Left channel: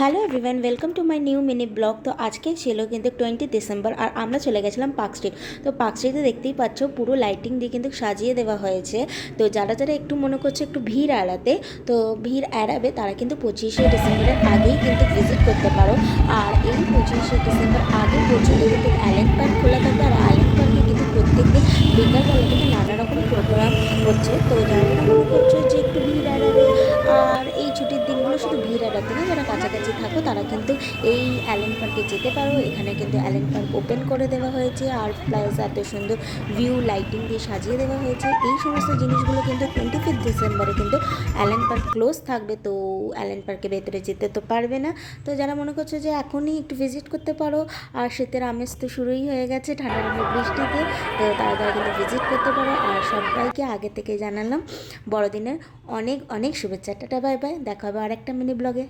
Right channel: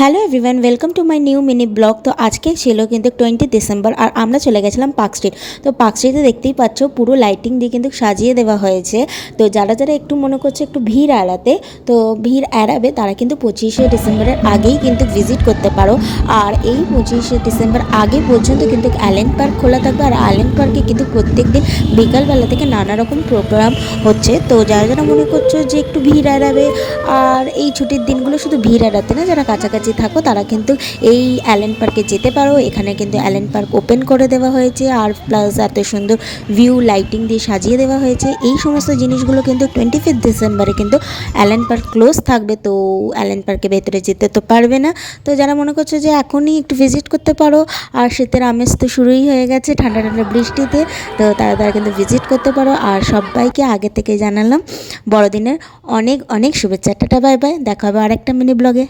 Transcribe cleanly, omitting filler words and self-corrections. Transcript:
Hello everyone, welcome to my new mini blog. তো আজকে ছিল কিন্তু 20 ডিসেম্বর আর আমরা চলে গেছিলাম পার্ক স্ট্রিট। তো পার্ক স্ট্রিটে দেখতেই পাচ্ছ পুরো লাইটিং দিয়ে কিন্তু সাজিয়ে দেওয়া হয়েছে। তো যারা যারা একটু মনে করছে একটু ভিড় এড়াতে, তো ভিড় এড়াবে তারা কিন্তু 25শে ডিসেম্বরের আগেই কিন্তু ভিজিট করতে পারো। আর এই 25শে ডিসেম্বর আগে পর্যন্ত কিন্তু অ্যালেন পার্ক খোলা থাকবে। আর অ্যালেন পার্কে কিন্তু প্রত্যেক দিন বিকালবেলা থেকে নানা রকম প্রোগ্রাম হচ্ছে। তো যারা যারা মনে করছো যে একটু ভিড় এড়াবে, আর এই ছুটির দিনগুলো শুধু ভিড় এড়াতে না, যারা কাছাকাছি থাকো তারা কিন্তু এই অ্যালেন পার্কে যেতে পারো। এখানে কিন্তু অ্যালেন পার্ক ওপেন করে দেওয়া হয়েছে, আর প্লাস এত সুন্দর ভিউ লাইটিং দিয়ে সাজিয়ে দেওয়া হয়েছে। এই সমস্ত জিনিসগুলো কিন্তু 25 ডিসেম্বরে কিন্তু অ্যালেন পার্ক ক্লোজ থাকবে। তো অ্যালেন পার্কে ভেতরে যেতে তো পারবে না। তো যারা মনে করছে যে এখনই একটু ভিজিট করতে পারো, আর শীতের আমেজ তো শুরুই হয়ে গেছে ঠান্ডা ঠান্ডা বৃষ্টিতে, তো তারা কিন্তু ভিজিট করতে পারো। আর সবাইকে আগে থেকে জানালাম বড়দিনের অনেক অনেক শুভেচ্ছা। টাটা, বাই বাই, দেখা হবে আরেকটা মিনি ব্লগে।